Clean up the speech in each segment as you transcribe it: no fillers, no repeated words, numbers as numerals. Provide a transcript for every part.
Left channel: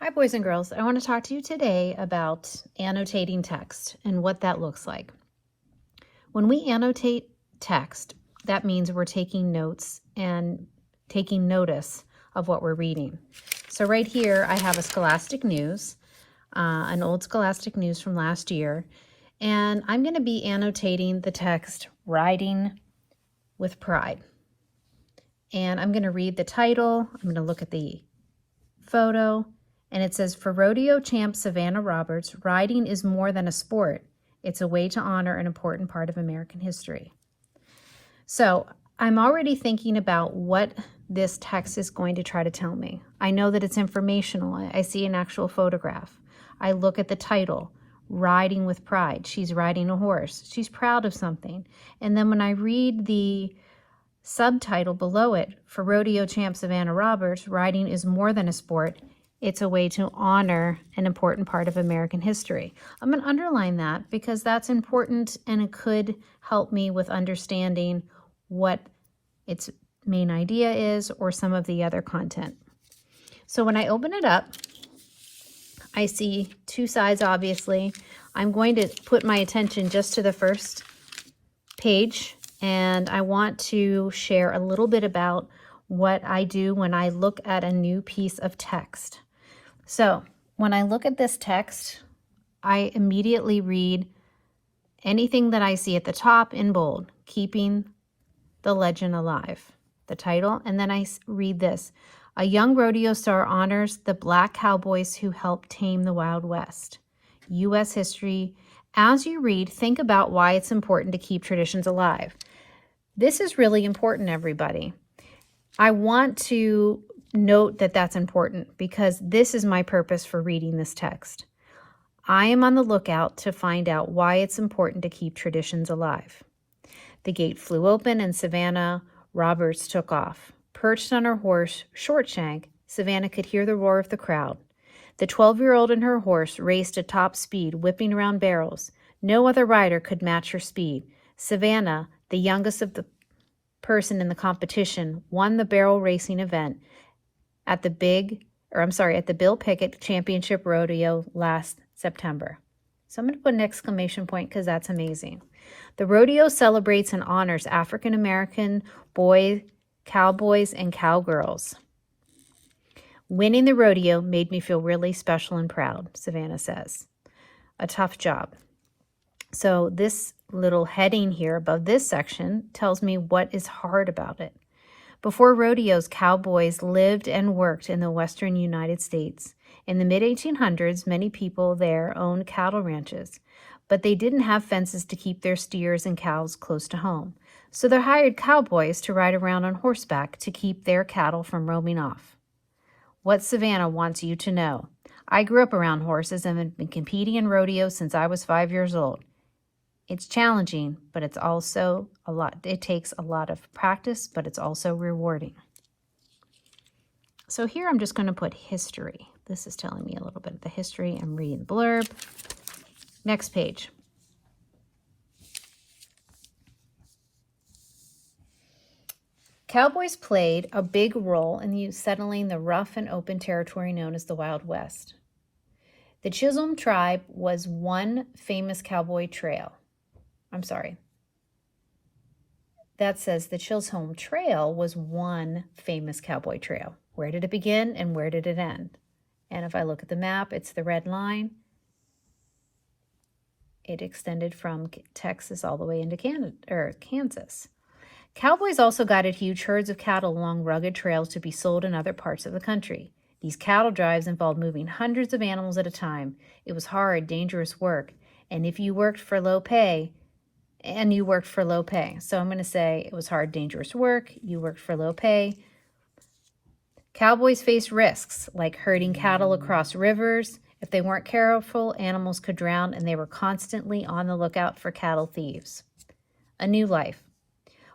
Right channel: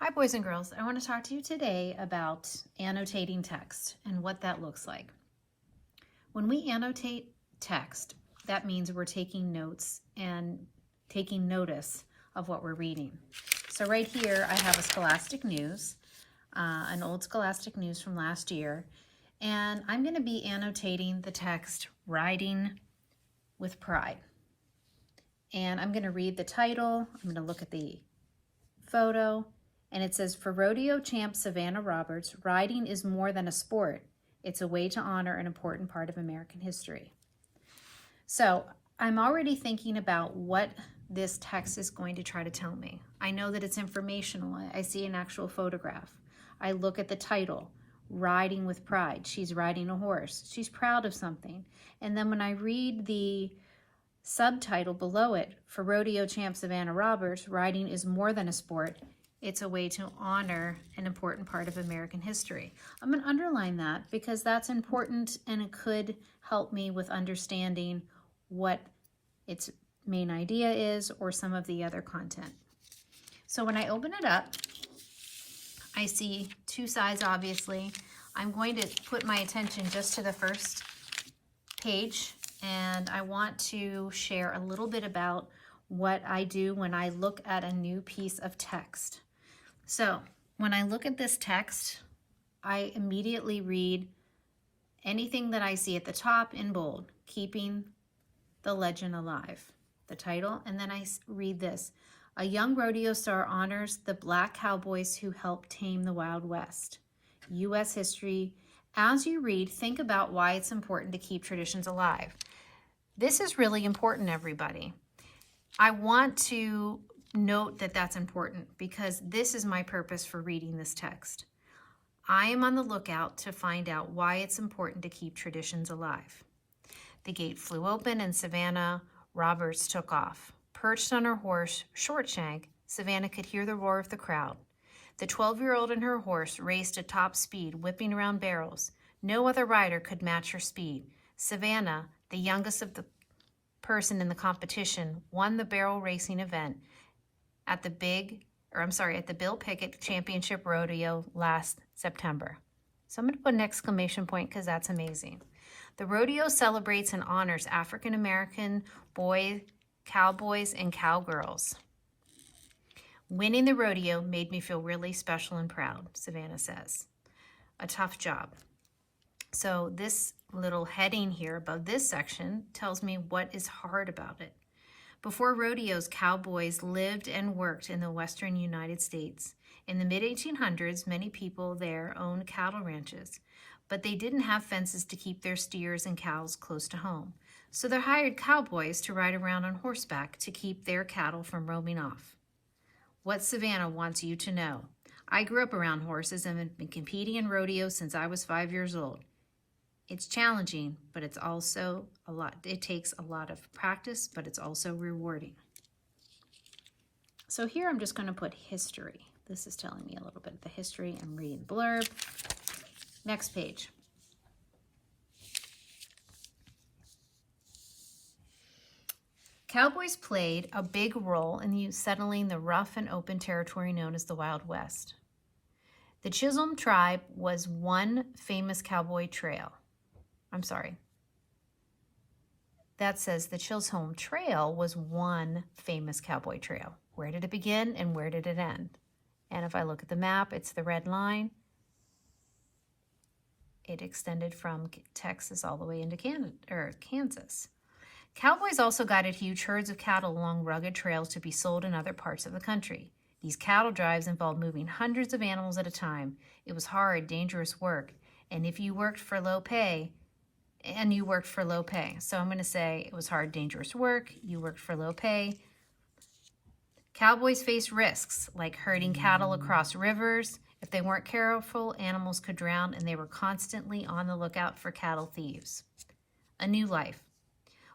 Hi, boys and girls. I want to talk to you today about annotating text and what that looks like. When we annotate text, that means we're taking notes and taking notice of what we're reading. So right here, I have a Scholastic News, an old Scholastic News from last year, and I'm going to be annotating the text, Riding with Pride. And I'm going to read the title. I'm going to look at the photo, and it says, for rodeo champ Savannah Roberts, riding is more than a sport. It's a way to honor an important part of American history. So I'm already thinking about what this text is going to try to tell me. I know that it's informational. I see an actual photograph. I look at the title, Riding with Pride. She's riding a horse. She's proud of something. And then when I read the subtitle below it, for rodeo champ Savannah Roberts, riding is more than a sport. It's a way to honor an important part of American history. I'm going to underline that because that's important and it could help me with understanding what its main idea is or some of the other content. So when I open it up, I see two sides, obviously. I'm going to put my attention just to the first page, and I want to share a little bit about what I do when I look at a new piece of text. So when I look at this text, I immediately read anything that I see at the top in bold, keeping the legend alive, the title, and then I read this. A young rodeo star honors the black cowboys who helped tame the Wild West. U.S. history. As you read, think about why it's important to keep traditions alive. This is really important, everybody. I want to note that that's important because this is my purpose for reading this text. I am on the lookout to find out why it's important to keep traditions alive. The gate flew open and Savannah Roberts took off. Perched on her horse, Shortshank, Savannah could hear the roar of the crowd. The 12-year-old and her horse raced at top speed, whipping around barrels. No other rider could match her speed. Savannah, the youngest of the person in the competition, won the barrel racing event at the Bill Pickett Championship Rodeo last September. So I'm going to put an exclamation point because that's amazing. The rodeo celebrates and honors African American boys, cowboys, and cowgirls. Winning the rodeo made me feel really special and proud, Savannah says. A tough job. So this little heading here above this section tells me what is hard about it. Before rodeos, cowboys lived and worked in the western United States. In the mid-1800s, many people there owned cattle ranches, but they didn't have fences to keep their steers and cows close to home. So they hired cowboys to ride around on horseback to keep their cattle from roaming off. What Savannah wants you to know. I grew up around horses and have been competing in rodeos since I was 5 years old. It's challenging, but it's also it takes a lot of practice, but it's also rewarding. So here I'm just going to put history. This is telling me a little bit of the history. I'm reading blurb. Next page. Cowboys played a big role in settling the rough and open territory known as the Wild West. The Chisholm tribe was one famous cowboy trail. That says the Chisholm Trail was one famous cowboy trail. Where did it begin and where did it end? And if I look at the map, it's the red line. It extended from Texas all the way into Kansas. Cowboys also guided huge herds of cattle along rugged trails to be sold in other parts of the country. These cattle drives involved moving hundreds of animals at a time. It was hard, dangerous work, and you worked for low pay. So I'm going to say it was hard, dangerous work. You worked for low pay. Cowboys faced risks like herding cattle across rivers. If they weren't careful, animals could drown, and they were constantly on the lookout for cattle thieves. A new life.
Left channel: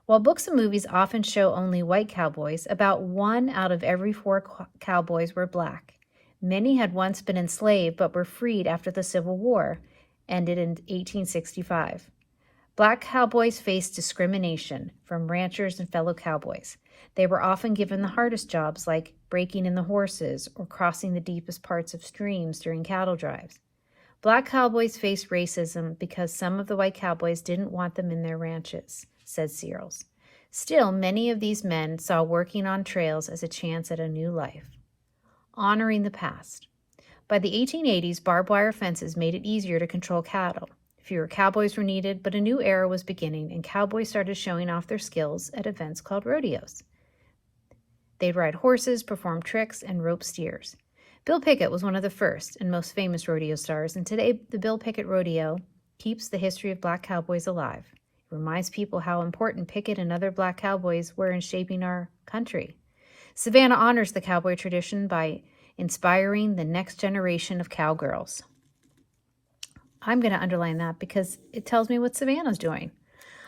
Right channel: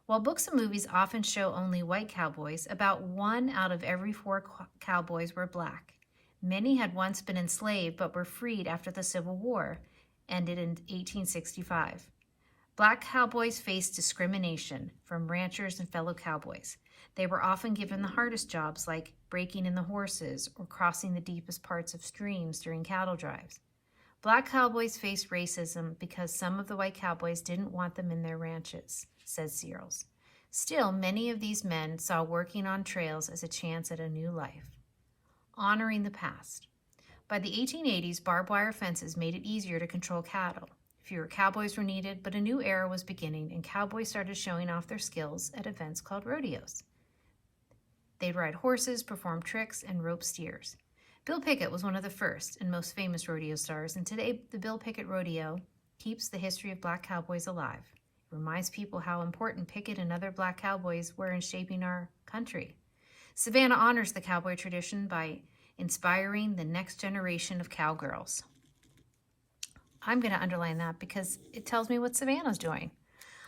While books and movies often show only white cowboys, about 1 out of every 4 cowboys were black. Many had once been enslaved but were freed after the Civil War ended in 1865. Black cowboys faced discrimination from ranchers and fellow cowboys. They were often given the hardest jobs like breaking in the horses or crossing the deepest parts of streams during cattle drives. Black cowboys faced racism because some of the white cowboys didn't want them in their ranches, says Searles. Still, many of these men saw working on trails as a chance at a new life. Honoring the past. By the 1880s, barbed wire fences made it easier to control cattle. Fewer cowboys were needed, but a new era was beginning, and cowboys started showing off their skills at events called rodeos. They'd ride horses, perform tricks, and rope steers. Bill Pickett was one of the first and most famous rodeo stars, and today the Bill Pickett Rodeo keeps the history of black cowboys alive. It reminds people how important Pickett and other black cowboys were in shaping our country. Savannah honors the cowboy tradition by inspiring the next generation of cowgirls. I'm going to underline that because it tells me what Savannah's doing.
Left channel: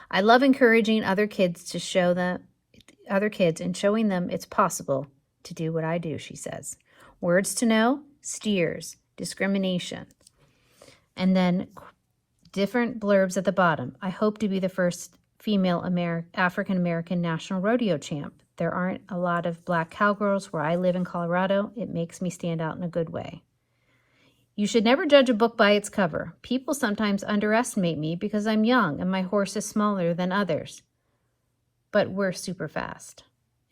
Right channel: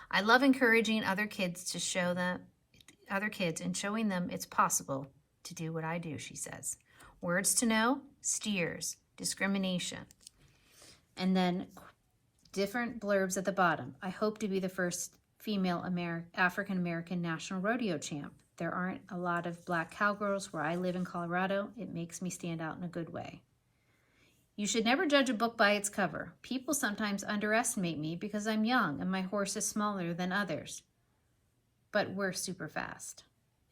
I love encouraging other kids to show them, other kids and showing them it's possible to do what I do, she says. Words to know, steers, discrimination. And then different blurbs at the bottom. I hope to be the first female African-American national rodeo champ. There aren't a lot of black cowgirls where I live in Colorado. It makes me stand out in a good way. You should never judge a book by its cover. People sometimes underestimate me because I'm young and my horse is smaller than others. But we're super fast.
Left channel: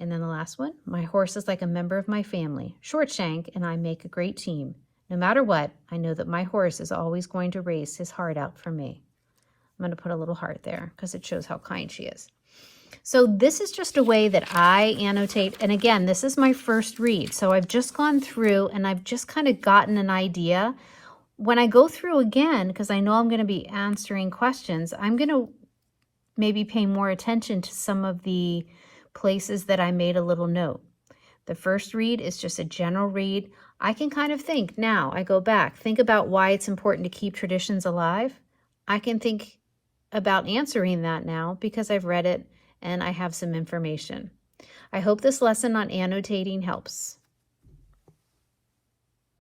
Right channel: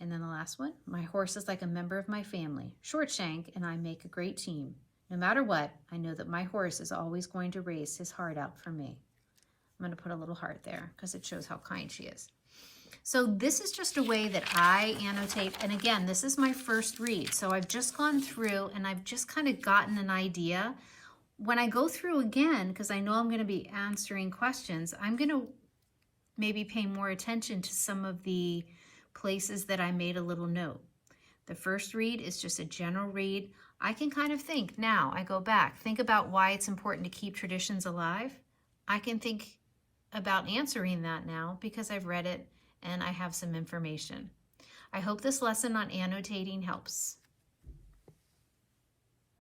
And then the last one, my horse is like a member of my family. Short Shank and I make a great team. No matter what, I know that my horse is always going to race his heart out for me. I'm going to put a little heart there because it shows how kind she is. So this is just a way that I annotate. And again, this is my first read. So I've just gone through and I've just kind of gotten an idea. When I go through again, because I know I'm going to be answering questions, I'm going to maybe pay more attention to some of the places that I made a little note. The first read is just a general read. I can kind of think now, I go back, think about why it's important to keep traditions alive. I can think about answering that now because I've read it and I have some information. I hope this lesson on annotating helps.